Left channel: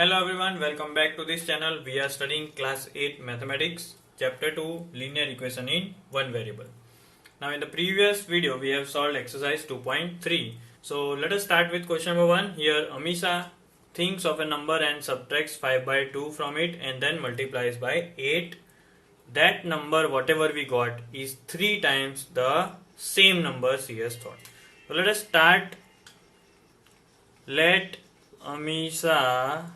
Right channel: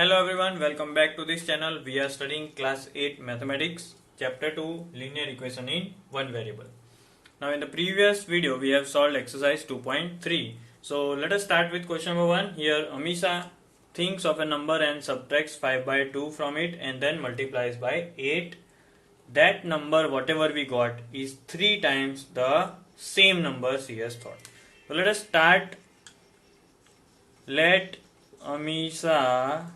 Hello everyone, welcome back to this channel. We are studying class 8 mathematics, chapter 2 linear equation in one variable. Now in the previous video we have solved exercise 2.3. So let us start with question number 1. Here Amisha thinks of a number and subtracts 5 by 2 from it and then multiplies by 8. That number, whatever we got, is 3 times the same number she has thought. So let us start. Let Amisha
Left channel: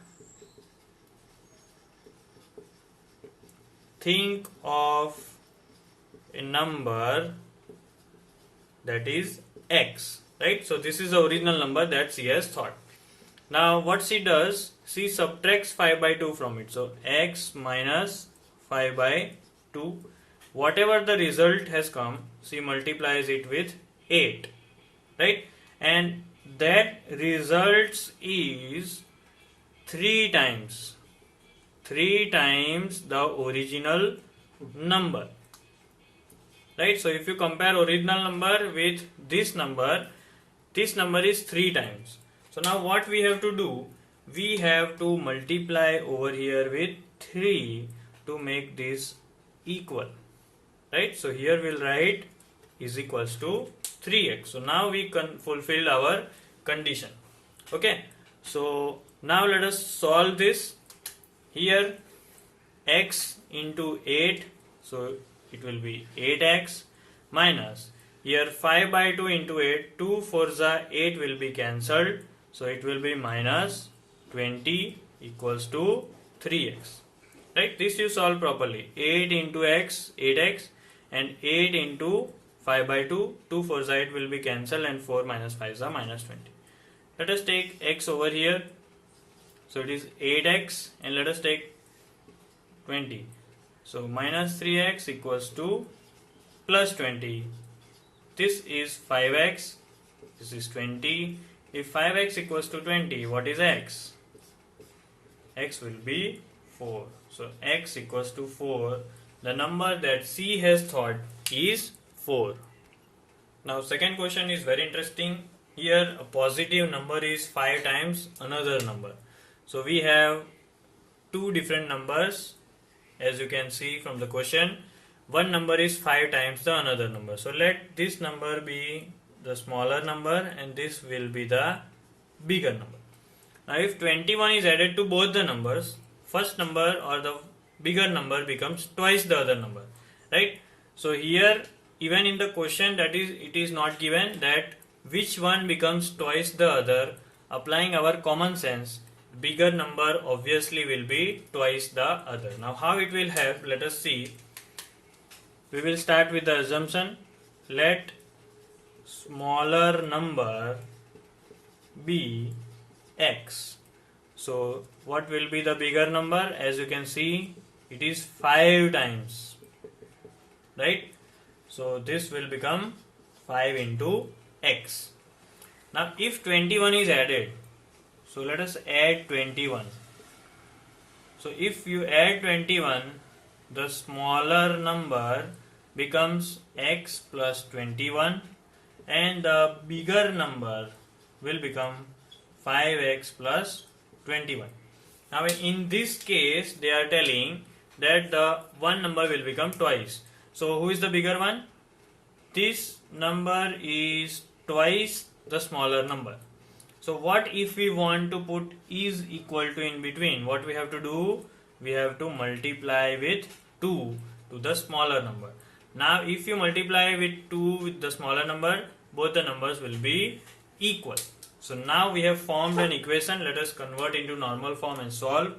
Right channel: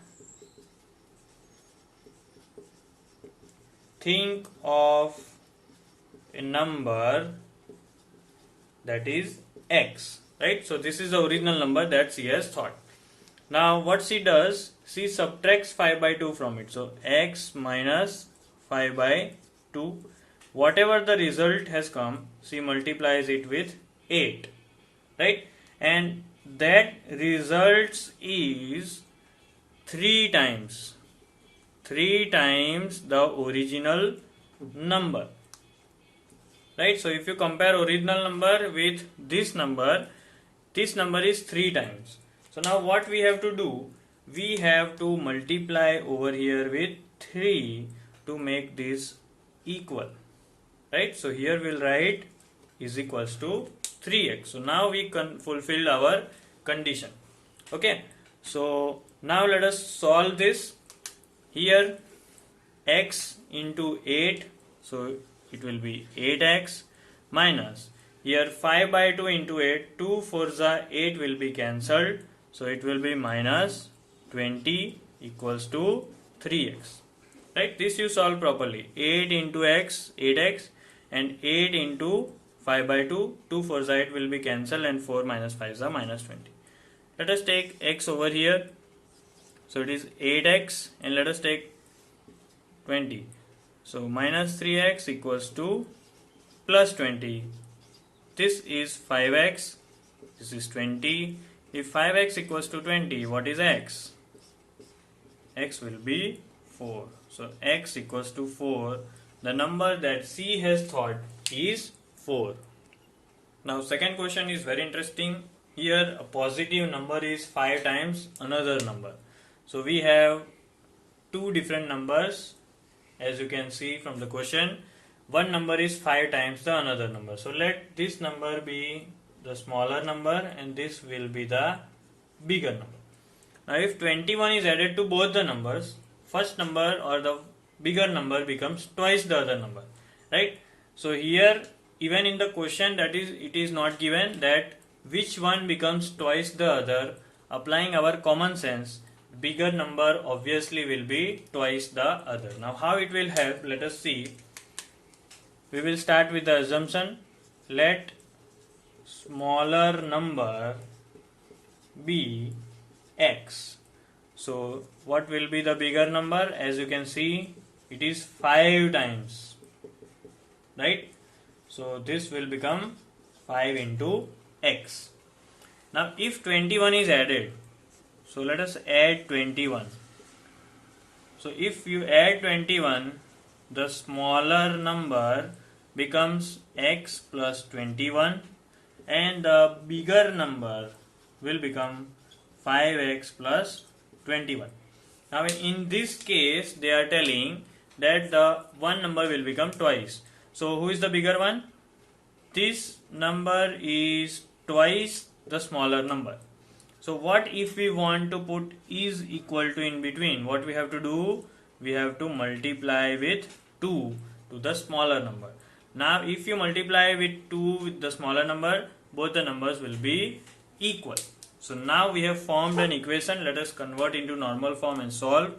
think of a number that is x, right? So this is the original number that she has thought. Now what she does, she subtracts 5 by 2 from it. So x minus 5 by 2, whatever the result has come, she multiplies it with 8, right? And that results is 3 times the original number, right? So if you compare original number with this number is 3 times. So now what we have to do, we have to multiply over here with 3 to make this equal, right? So here we'll write is equals to 3x. So now we can fulfill our condition. Okay, so now let us solve this. Here x into 8, so it will be 8x minus here 5 by 2 into 8, 2 4s are 8 will be cancelled, so it will be minus 20 equals to 3x, right? This you solve properly. 8 into x, 8x, and 8 into 5 by 2, 2 4s are 8 will be cancelled, and 4 minus 5s are minus 20. Let us take x over here. So it is 8x and let us take 20. So minus 3x equals to plus 20. This is 5x. This is 20. If 5x equals to 20, what is x? X will be 4. So x equals to 4. The number that C has thought is 4. Now second question is very interesting. Here a positive number is 5 times another number. So we have two different numbers, as you can see from the question. One number is 5 times the another number. So let this number be the smaller number and this will be the bigger number. Now if 21 is added to both the numbers, first number or the bigger number becomes twice the other number, right? So here even in the question it is not given that which one becomes twice the other. Applying our common sense, bigger number obviously will be twice the other. Now how it will help, let us see. We will start with the assumption, let smaller number be x. So what will be the bigger number? As you can see, it is 5 times, right? So this will become 5 into x. Now if 21 is added, so let us add 21. So if you add 21, the smaller number becomes x plus 21 and the bigger number will become 5x plus 21. Now in this case they are telling that the one number will become twice. So who is the bigger one? This number is twice the smaller number. So what if we want to put is equal to in between? What we have to do? We have to multiply with 2 to the smaller number. Now if you multiply with 2 with the smaller number, both the numbers will be equal. So now we have formed an equation. Let us convert into normal form and solve.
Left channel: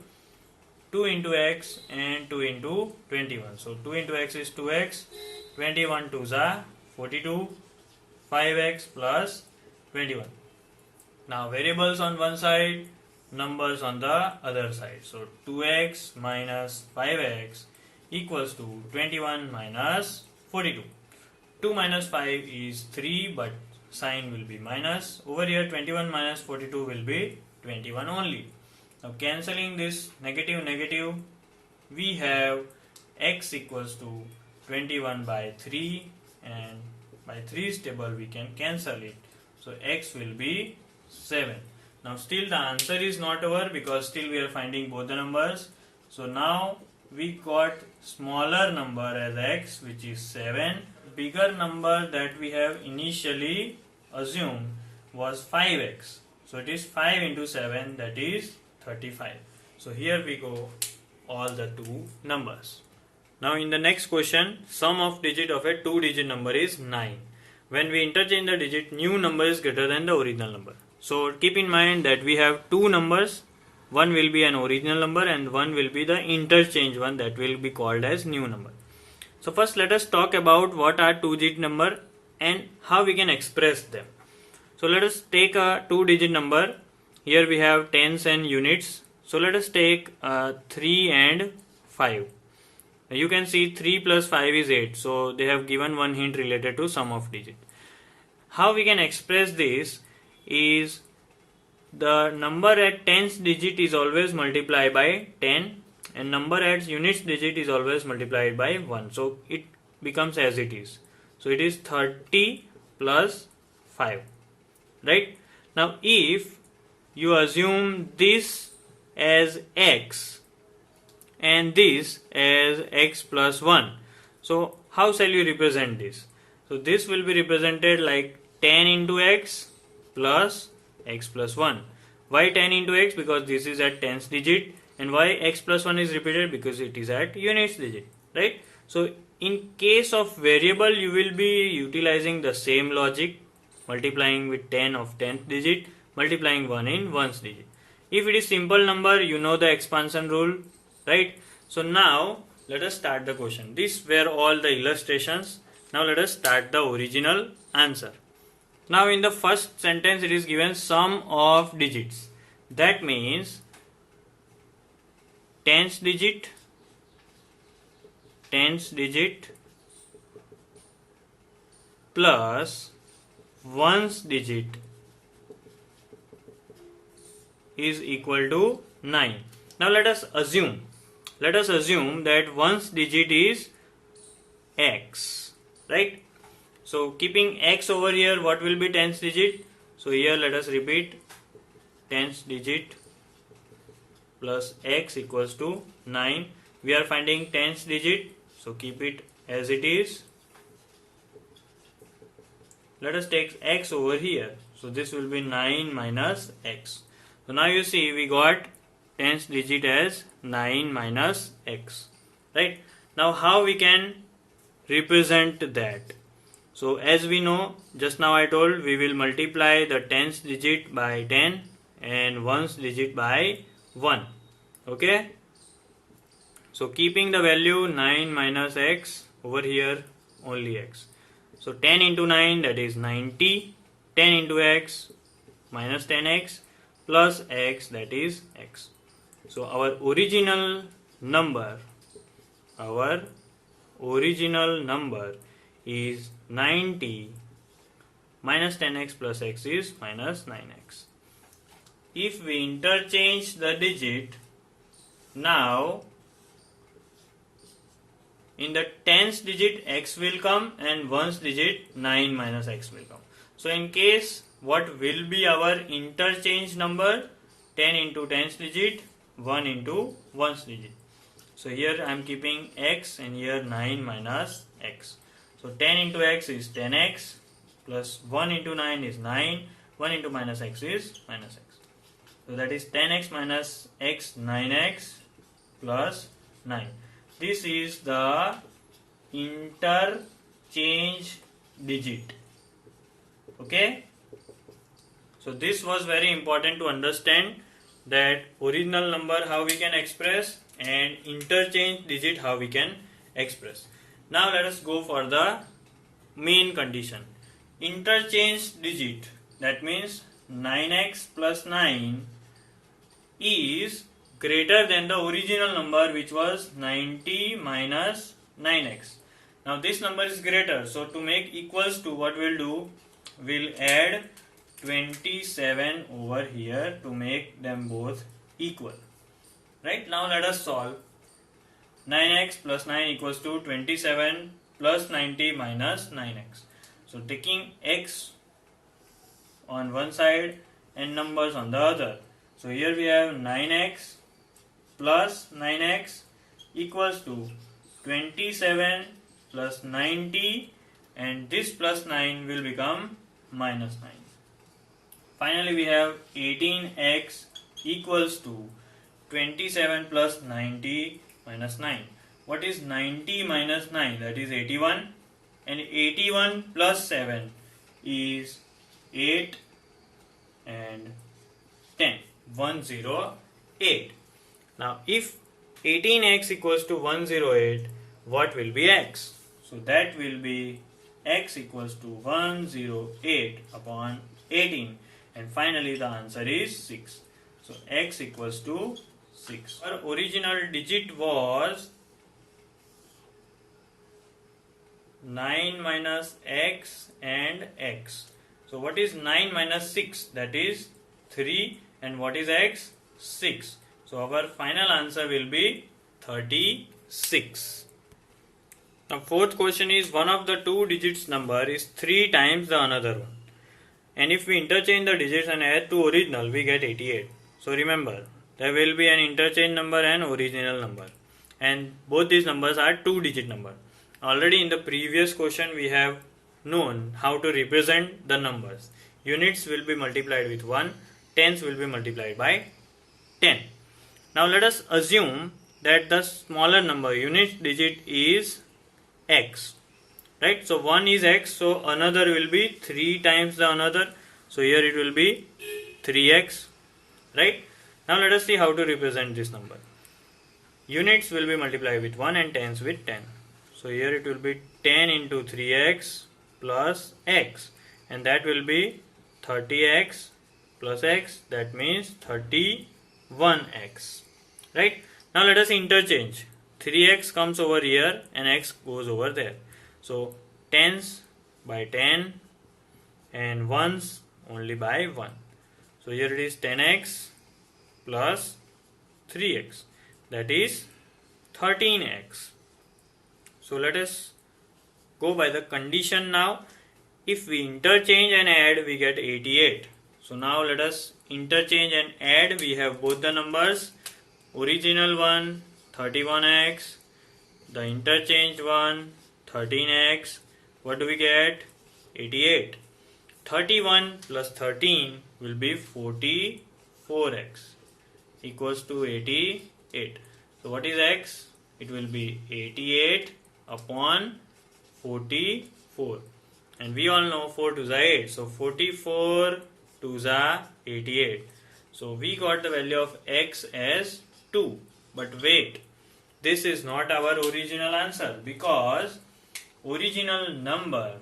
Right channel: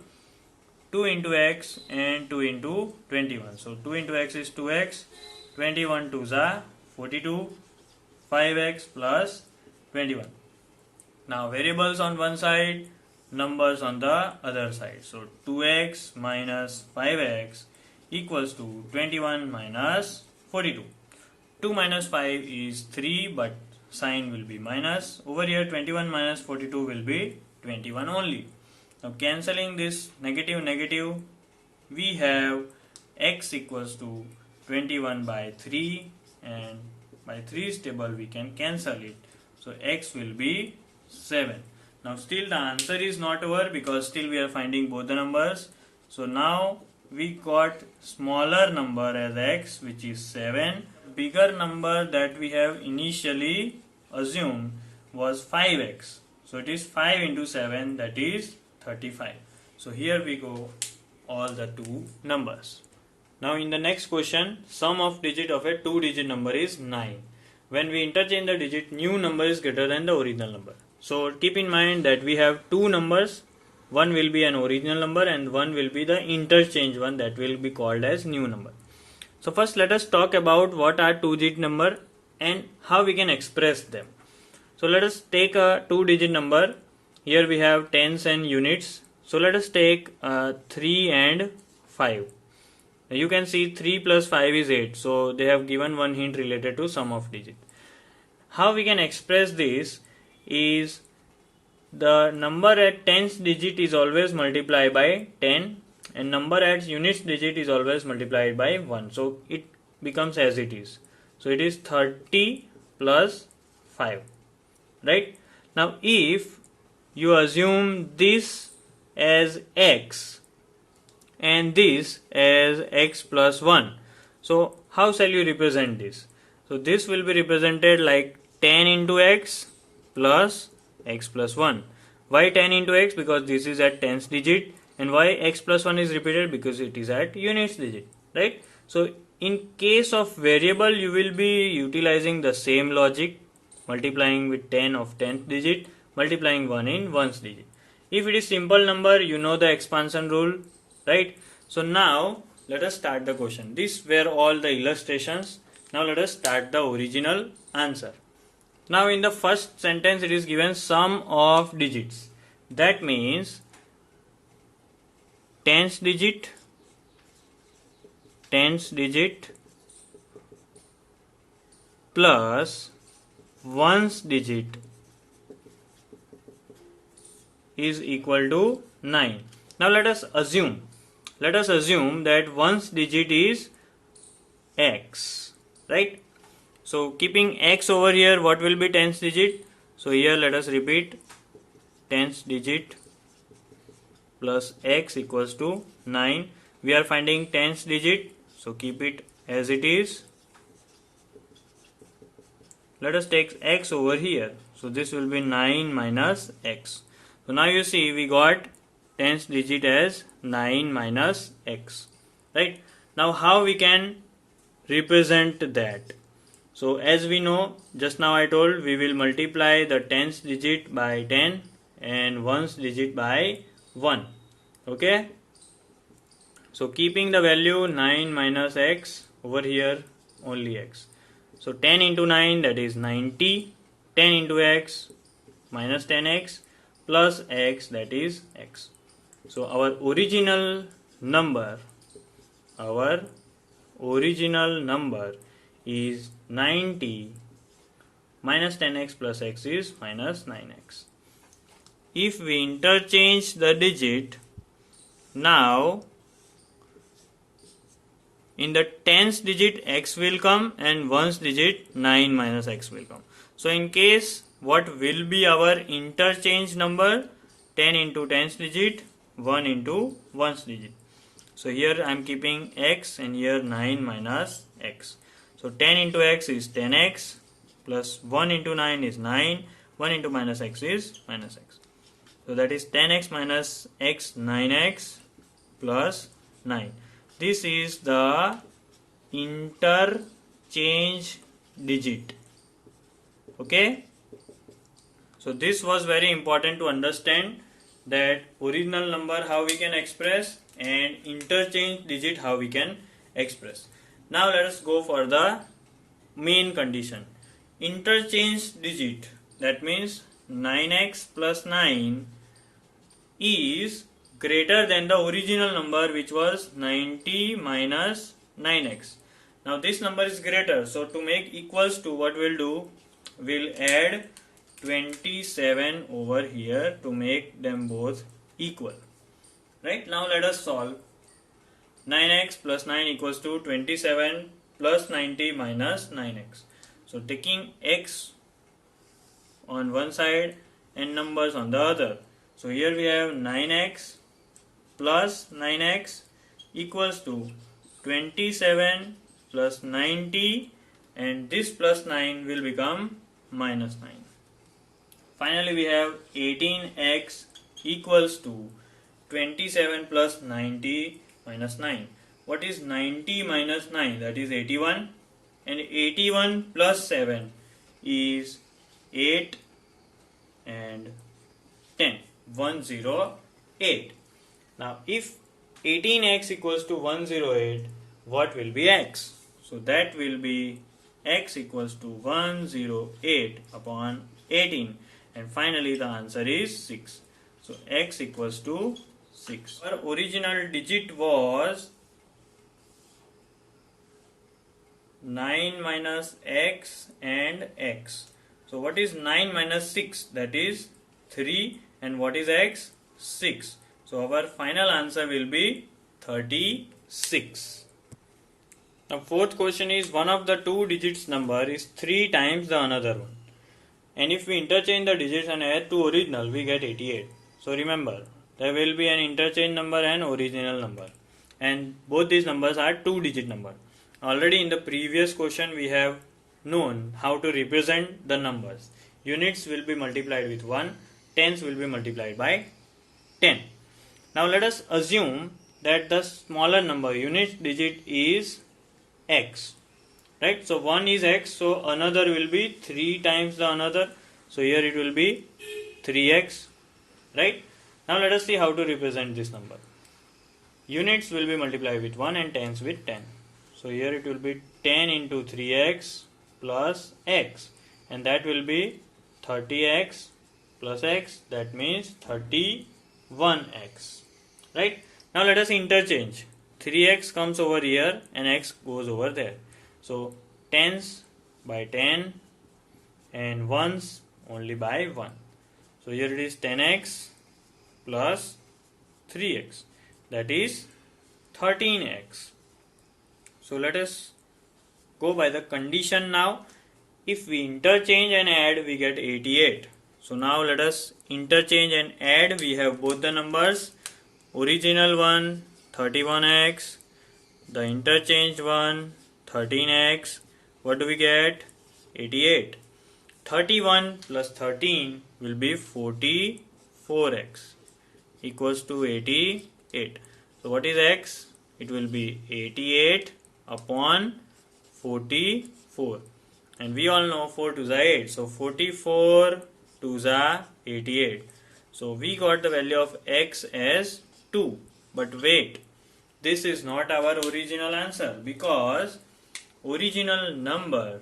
2 into x and 2 into 21. So 2 into x is 2x, 21 2s are 42, 5x plus 21. Now variables on one side, numbers on the other side. So 2x minus 5x equals to 21 minus 42. 2 minus 5 is 3, but sign will be minus. Over here 21 minus 42 will be 21 only. Now cancelling this negative, we have x equals to 21 by 3, and by 3's table we can cancel it. So x will be 7. Now still the answer is not over because still we are finding both the numbers. So now we got smaller number as x, which is 7. Bigger number that we have initially assumed was 5x. So it is 5 into 7, that is 35. So here we go all the two numbers. Now in the next question, sum of digit of a 2-digit number is 9. When we interchange the digit, new number is greater than the original number. So keep in mind that we have two numbers. One will be an original number and one will be the interchange one, that will be called as new number. So first let us talk about what are 2-digit number and how we can express them. So let us take a 2-digit number. Here we have tens and units. So let us take 3 and 5. You can see 3 plus 5 is 8. So they have given one hint related to sum of digit. How we can express this is the number at tens digit is always multiplied by 10 and number at units digit is always multiplied by 1. So it becomes as it is. So it is 30 plus 5. Right? Now if you assume this as x and this as x plus 1. So how shall you represent this? So this will be represented like 10 into x plus x plus 1. Why 10 into x? Because this is at tens digit. And why x plus 1 is repeated? Because it is at units digit. Right? So in case of variable, you will be utilizing the same logic, multiplying with 10 of 10th digit, multiplying 1 in 1st digit. If it is simple number, you know the expansion rule, right? So now let us start the question. These were all the illustrations. Now let us start the original answer. Now in the first sentence it is given sum of digits. That means tens digit plus ones digit is equal to 9. Now let us assume that ones digit is x, right? So keeping x over here, what will be tens digit? So here let us repeat, tens digit plus x equals to 9. We are finding tens digit, so keep it as it is. Let us take x over here. So this will be 9 minus x. So now you see we got tens digit as 9 minus x. Right? Now how we can represent that? So as we know, just now I told we will multiply the tens digit by 10 and ones digit by 1. Okay? So keeping the value 9 minus x, over here only x. So 10 into 9, that is 90. 10 into x minus 10x plus x, that is x. So our original number is 90 minus 10x plus x is minus 9x. If we interchange the digit, now in the tens digit x will come and ones digit 9 minus x will come. So in case, what will be our interchange number? 10 into tens digit, 1 into ones digit. So here I am keeping x and here 9 minus x. So 10 into x is 10x plus 1 into 9 is 9. 1 into minus x is minus x. So that is 10x minus x, 9x plus 9. This is the interchange digit. Okay? So this was very important to understand, that original number how we can express and interchange digit how we can express. Now let us go for the main condition. Interchange digit, that means 9x plus 9 is greater than the original number, which was 90 minus 9x. Now this number is greater, so to make equals to, what we'll do, we'll add 27 over here to make them both equal. Right? Now let us solve. 9x plus 9 equals to 27 plus 90 minus 9x. So taking x on one side and numbers on the other. So here we have 9x plus 9x equals to 27 plus 90, and this plus 9 will become minus 9. Finally we have 18x equals to 27 plus 90 minus 9. What is 90 minus 9? That is 81, and 81 plus 7 is 8 and 10. 108. Now if 18x equals to 108, what will be x? So that will be x equals to 108 upon 18, and finally the answer is 6. So x equals to 6. Our original digit was 9 minus x and x. So what is 9 minus 6? That is 3. And what is x? 6. So our final answer will be 36. Now fourth question is, one of the two digits number is 3 times the another one. And if we interchange the digits and add to original, we get 88. So remember, there will be an interchange number and original number. And both these numbers are 2-digit number. Already in the previous question we have known how to represent the numbers. Units will be multiplied with 1. Tens will be multiplied by 10. Now let us assume that the smaller number, unit digit, is x. Right? So 1 is x, so another will be 3 times the another. So here it will be 3x. Right? Now let us see how to represent this number. Units will be multiplied with 1 and tens with 10. So here it will be 10 into 3x plus x, and that will be 30x plus x, that means 31x. Right? Now let us interchange. 3x comes over here and x goes over there. So tens by 10 and ones only by 1. So here it is 10x plus 3x, that is 13x. So let us go by the condition now. If we interchange and add, we get 88. So now let us interchange and add. We have both the numbers. Original one 31x, the interchanged one 13x. What do we get? 88. 31 plus 13 will be 44x equals to 88. So what is x? It will be 88 upon 44. And we all know 4 to the 8. So 44 to the 88. So we got the value of x as 2. But wait, this is not our original answer, because original number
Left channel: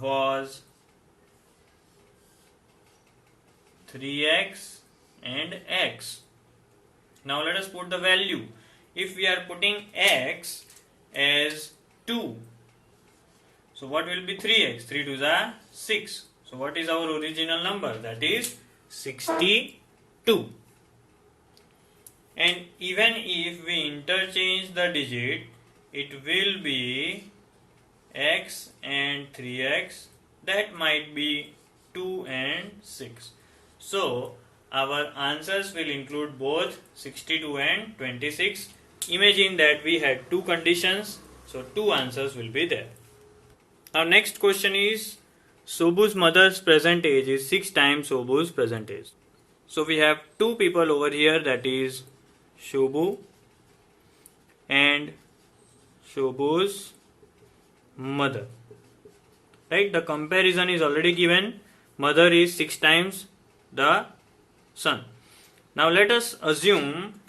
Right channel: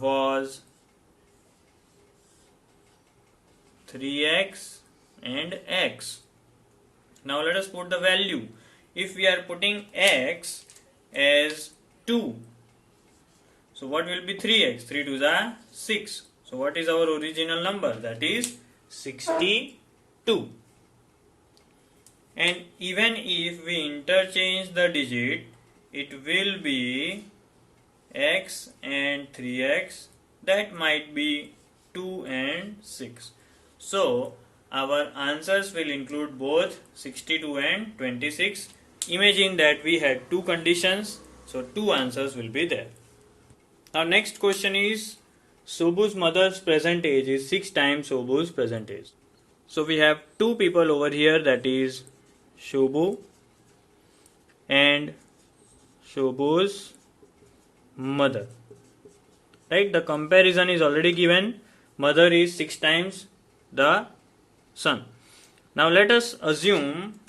was 3x and x. Now let us put the value. If we are putting x as 2, so what will be 3x? 3 to the 6. So what is our original number? That is 62. And even if we interchange the digit, it will be x and 3x. That might be 2 and 6. So our answers will include both 62 and 26. Imagine that we had two conditions, so two answers will be there. Now next question is, Sobu's mother's present age is 6 times Sobu's present age. So we have two people over here, that is Shobu and Shobu's mother. Right? The comparison is already given. Mother is 6 times the son. Now let us assume,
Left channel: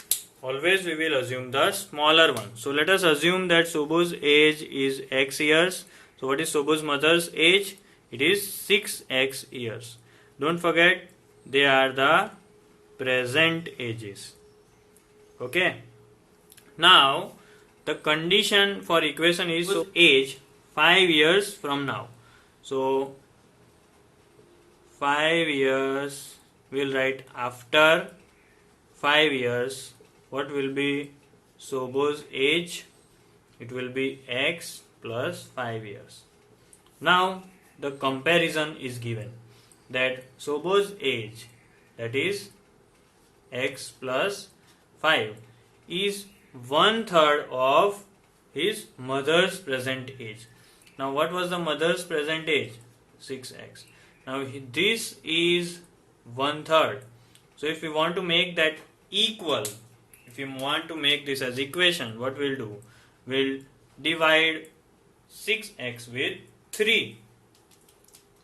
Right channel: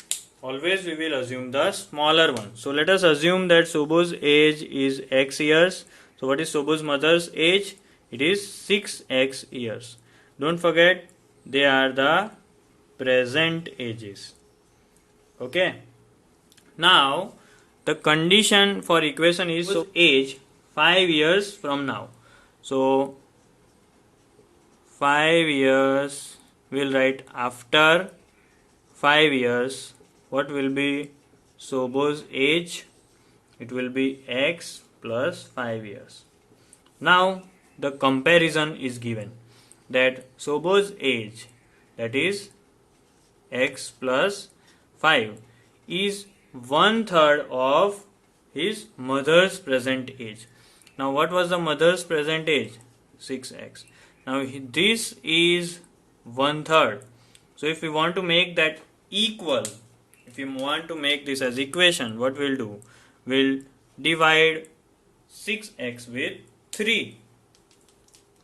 always we will assume the smaller one. So let us assume that Sobu's age is x years. So what is Sobu's mother's age? It is 6x years. Don't forget, they are the present ages. Okay. Now the condition for equation is age 5 years from now. So 5 years, we'll write after 5 years. What will be Sobu's age? It will be x plus 5 years. Now the comparison is given that Sobo's age, that is x plus 5, is 1/3 of his mother's present age. Now what was the mother's present age? 6x. Now this is 1/3. So if we want to make that equal, if you want to make this as equation, what we'll do? We'll divide 6x with 3.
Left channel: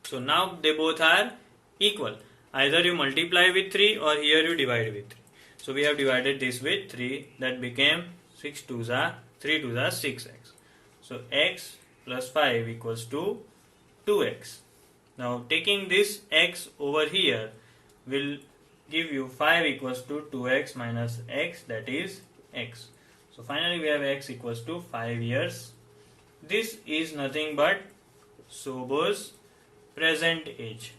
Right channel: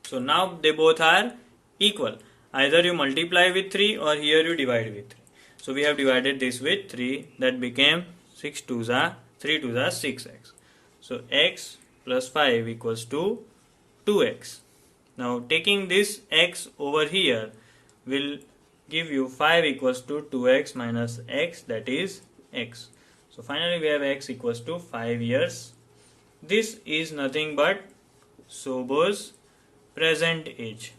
So now they both are equal. Either you multiply with 3 or here you divide with 3. So we have divided this with 3. That became 6 2s are 3 2s are 6x. So x plus 5 equals to 2x. Now taking this x over here will give you 5 equals to 2x minus x, that is x. So finally we have x equals to 5 years. This is nothing but Sobo's present age,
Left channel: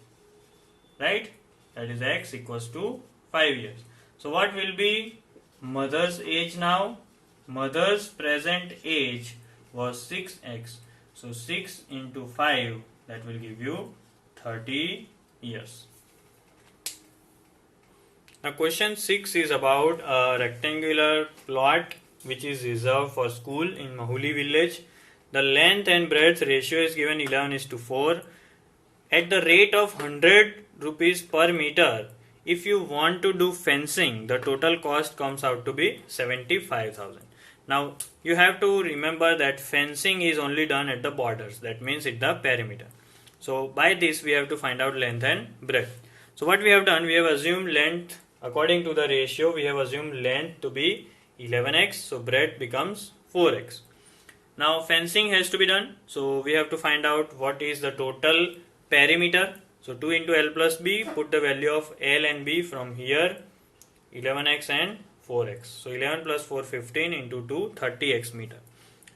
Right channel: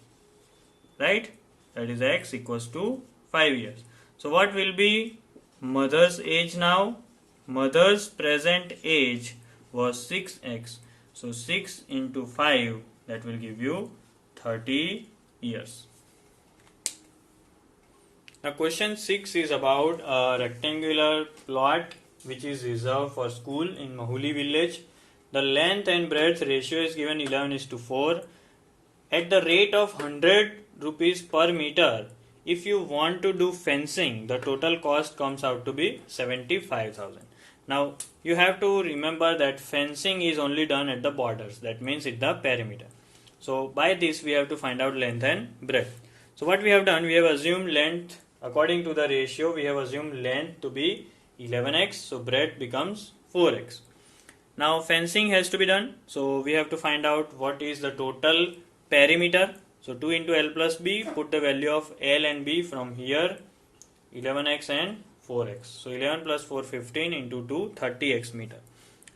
right? That is x equals to 5 years. So what will be mother's age now? Mother's present age was 6x. So 6 into 5, that will give you 30 years. Now question 6 is about a rectangular plot which is reserved for school in Mahuli village. The length and breadth ratio is given 11:4. At the rate of 100 rupees per meter, if you want to do fencing, the total cost comes out to be 75,000. Now you have to remember that fencing is only done at the borders, that means at the perimeter. So by this we have to find out length and breadth. So what we have done, we have assumed length according to the ratio, we have assumed length to be 11x, so breadth becomes 4x. Now fencing has to be done, so we have to find out what is the total perimeter. So 2 into L plus B, put the value of L and B from here, 11x and 4x. So 11 plus 4, 15 into 2, 30x meter.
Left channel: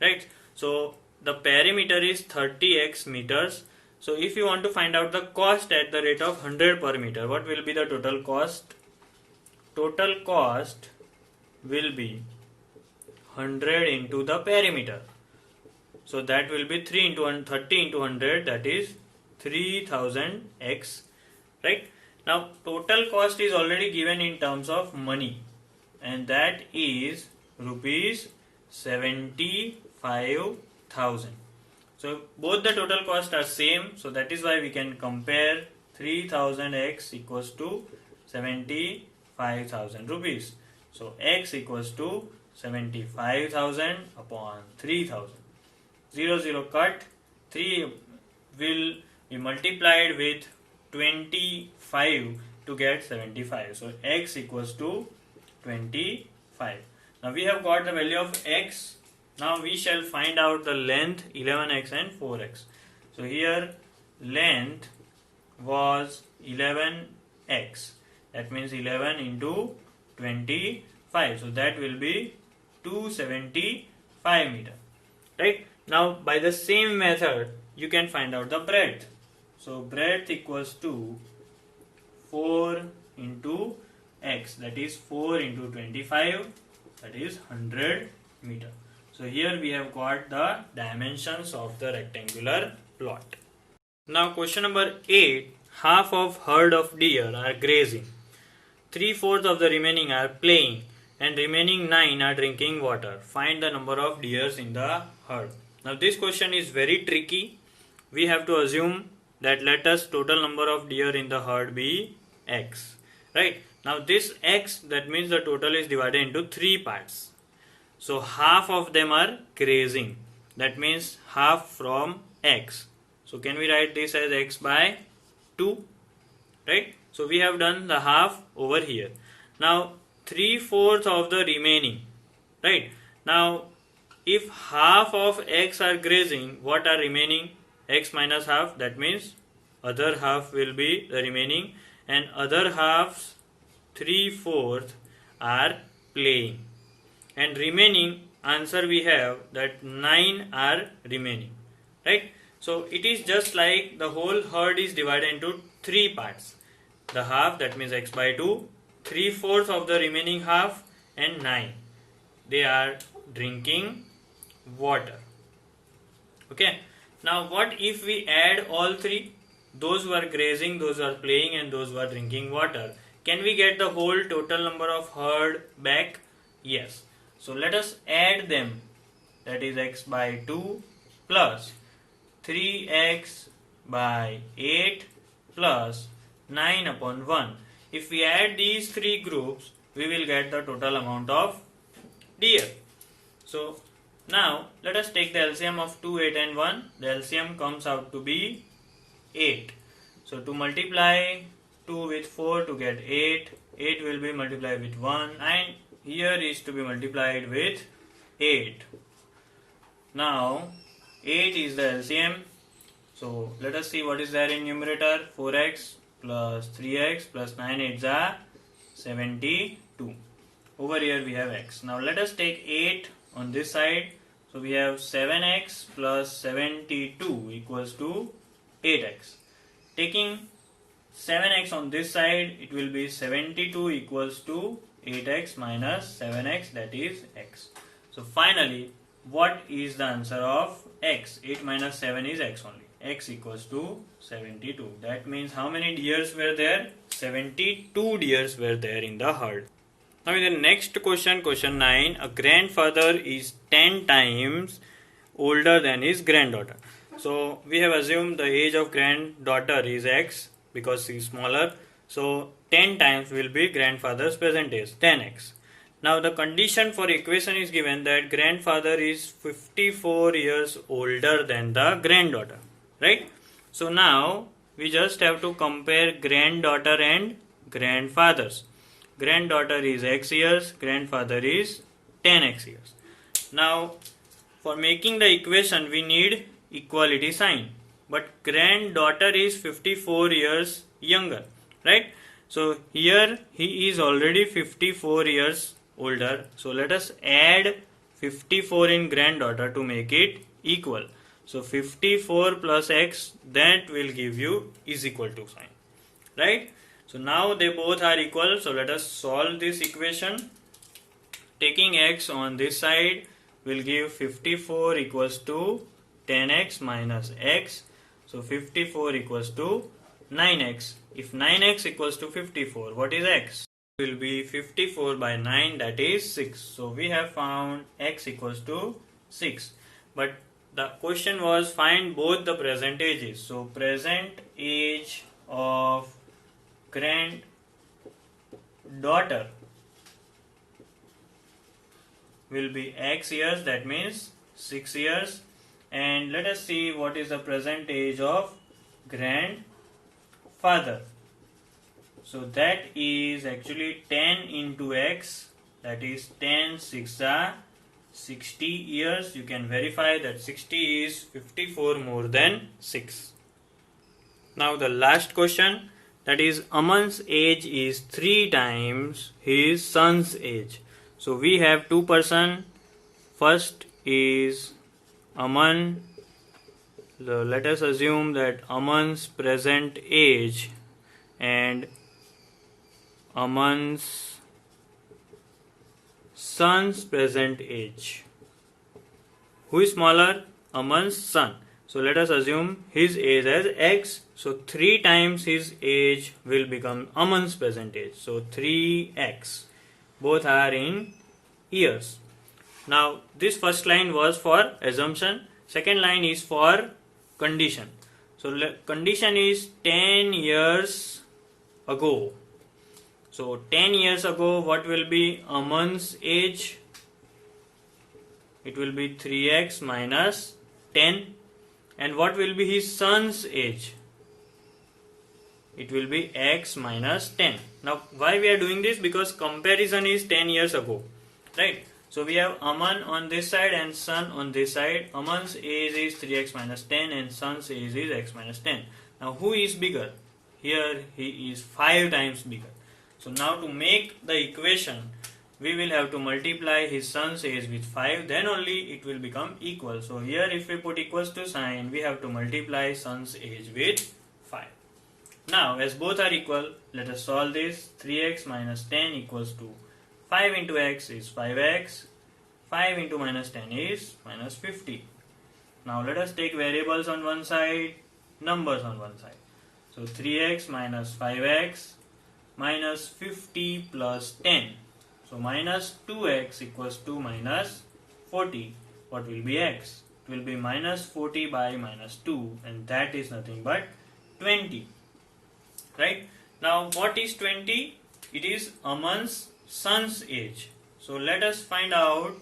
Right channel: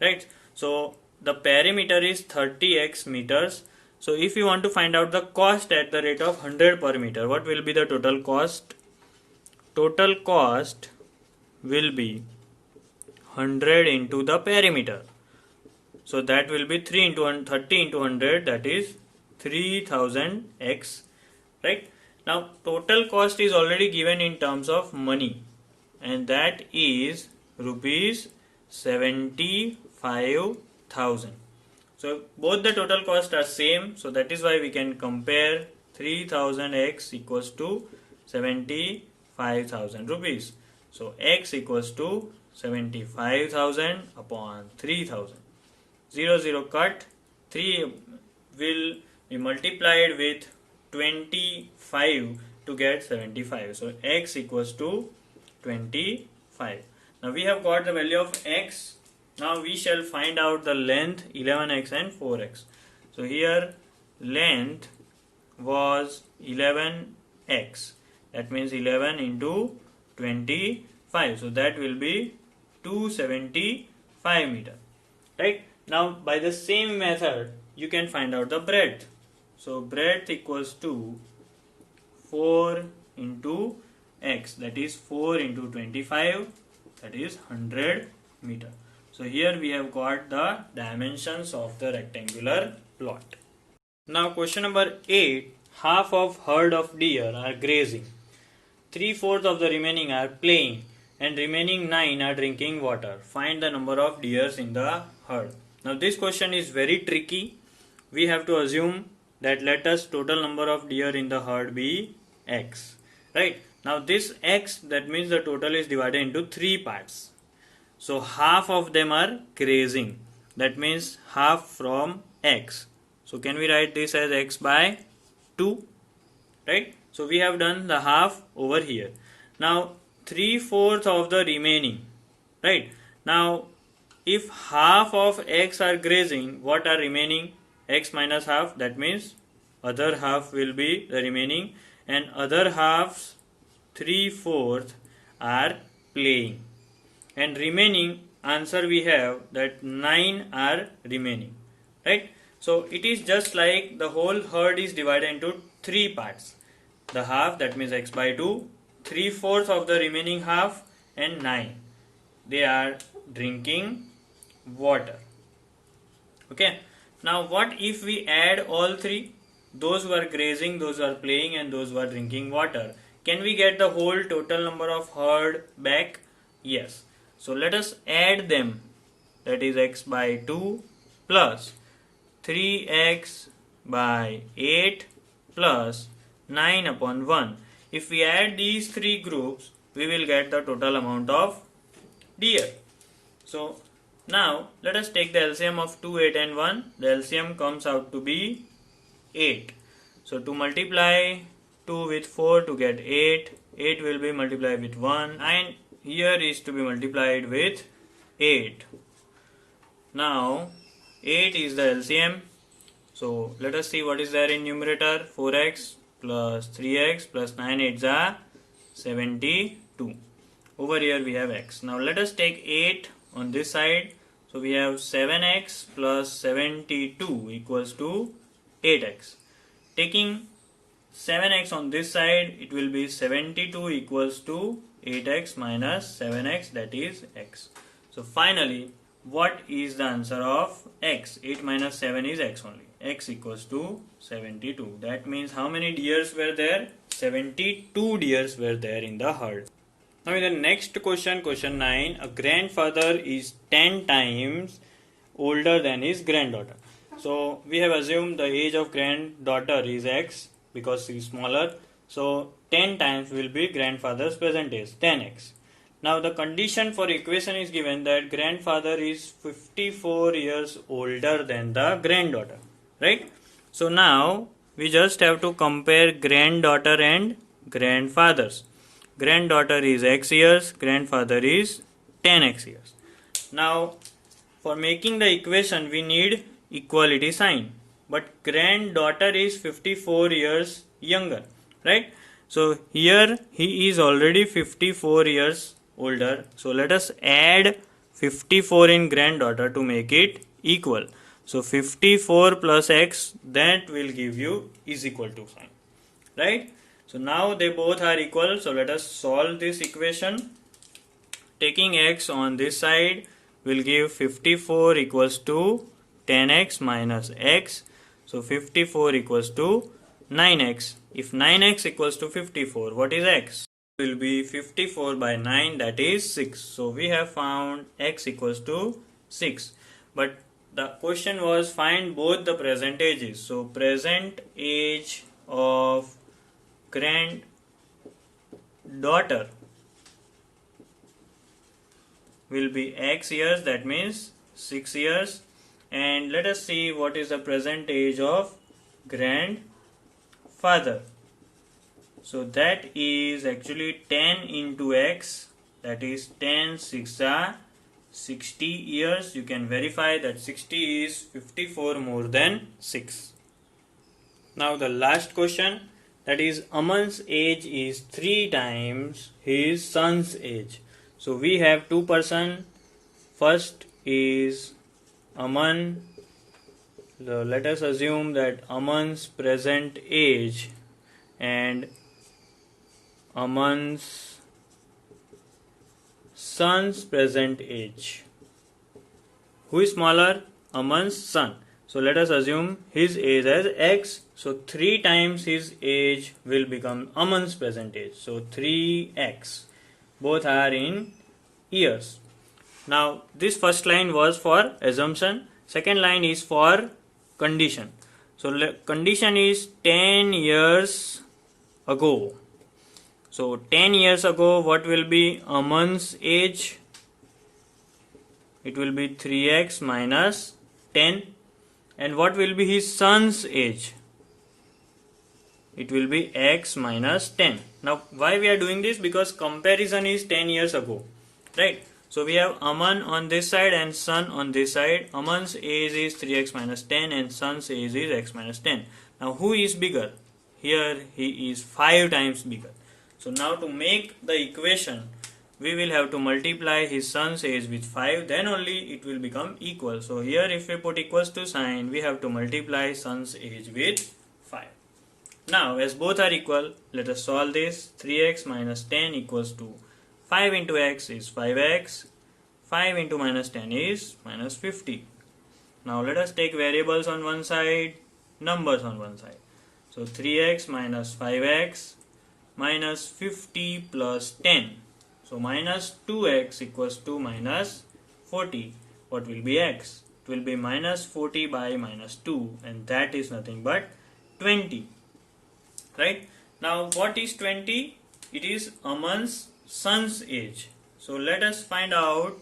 Right? So the perimeter is 30x meters. So if you want to find out the cost at the rate of 100 per meter, what will be the total cost? Total cost will be 100 into the perimeter. So that will be 3 into 30 into 100, that is 3000x, right? Now total cost is already given in terms of money, and that is rupees 75,000. So both the total cost are same, so that is why we can compare 3000x equals to 75,000 rupees. So x equals to 75,000 upon 3000. 0 0 cut, 3 will be multiplied with 25 to get 75. So x equals to 25. Now we have got the value of x. Now we shall find out the length 11x and 4x. So here length was 11x. That means 11 into 25. So that will be 275 meter. Right? Now by the same method you can find out the breadth. So breadth equals to 4 into x, that is 4 into 25, that is 100 meter. So here we have got the dimensions of the rectangular plot. Now question number 8, half of herd of deer are grazing, 3/4 of the remaining are playing, and remaining 9 are drinking water. Find the number of deers in the herd. Now this question is very tricky. We have to assume that let us total number of deer in the herd be x. Right? Now this x, that means the total is divided into 3 parts. So half of them are grazing. That means half from x. So can we write this as x by 2? Right? So we have done the half over here. Now 3/4 of the remaining. Right? Now if half of x are grazing, what are remaining? X minus half, that means other half will be the remaining, and other halves 3/4 are playing, and remaining answer we have that 9 are remaining, right? So it is just like the whole herd is divided into 3 parts. The half, that means x by 2, 3/4 of the remaining half, and 9. They are drinking water. Okay. Now what if we add all three? Those who are grazing, those who are playing, and those who are drinking water. Can we get the whole total number of herd back? Yes. So let us add them. That is x by 2 plus 3x by 8 plus 9 upon 1. If we add these three groups, we will get the total amount of deer. So now let us take the LCM of 2, 8 and 1. The LCM comes out to be 8. So to multiply 2 with 4 to get 8, 8 will be multiplied with 1 and here is to be multiplied with 8. Now 8 is the LCM. So let us see what is there in numerator. 4x plus 3x plus 9 8s are 72. Over here we have x. Now let us take 8 on this side. So we have 7x plus 72 equals to 8x. Taking 7x on this side, it will be 72 equals to 8x minus 7x, that is x. So finally, what is the answer of x? 8 minus 7 is x only. X equals to 72. That means how many deers were there? 72 deers were there in the herd. Now in the next question, question 9, a grandfather is 10 times older than his granddaughter. So we have assumed the age of granddaughter is x because she is smaller. So 10 times will be grandfather's present age, 10x. Now the condition for equation is given that grandfather is 54 years older than the granddaughter, right? So now we just have to compare granddaughter and grandfathers. Granddaughter is x years, grandfather is 10x years. Now for making the equation we need equality sign, but granddaughter is 54 years younger, right? So here he is already 54 years older, so let us add 54 in granddaughter to make it equal. So 54 plus x, that will give you is equal to sign, right? So now they both are equal, so let us solve this equation. Taking x on this side will give 54 equals to 10x minus x. So 54 equals to 9x. If 9x equals to 54, what is x? Will be 54 by 9, that is 6. So we have found x equals to 6. But the question was find both the present ages. So present age of granddaughter will be x years, that means 6 years. And let us see what is the present age of grandfather. So that is actually 10 into x, that is 10 6 are 60 years. You can verify that 60 is 54 more than 6. Now the last question, that is Aman's age is 3 times his son's age. So we have two persons. First is Aman. So let us assume that Aman's present age and Aman's son's present age. Who is smaller? Aman's son. So let us assume his age as x. So 3 times his age will become Aman's present age. So 3x. Both are in years. Now this first line was for assumption. Second line is for condition. So condition is 10 years ago. So 10 years ago, what will be Aman's age? It will be 3x minus 10. And what will be his son's age? It will be x minus 10. Now why we are doing this? Because comparison is 10 years ago, right? So we have Aman on this side and son on this side. Aman's age is 3x minus 10 and son's age is x minus 10. Now who is bigger? Here he is 5 times bigger. So now to make the equation, we will have to multiply his son's age with 5, then only it will become equal. So here if we put equals to sign, we have to multiply son's age with 5. Now as both are equal, let us solve this. 3x minus 10 equals to 5 into x is 5x. 5 into minus 10 is minus 50. Now let us take variables on one side, numbers on one side. So 3x minus 5x minus 50 plus 10. So minus 2x equals to minus 40. What will be x? It will be minus 40 by minus 2, and that is nothing but 20. Right? Now what is 20? It is Aman's son's age. So let us find out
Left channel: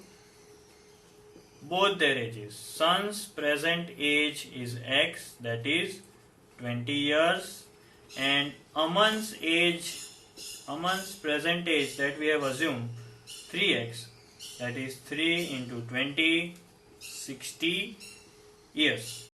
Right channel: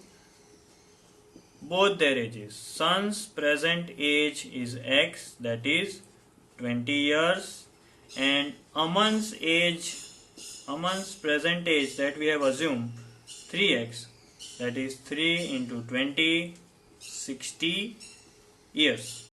both their ages. Son's present age is x, that is 20 years, and Aman's present age that we have assumed 3x, that is 3 into 20, 60 years.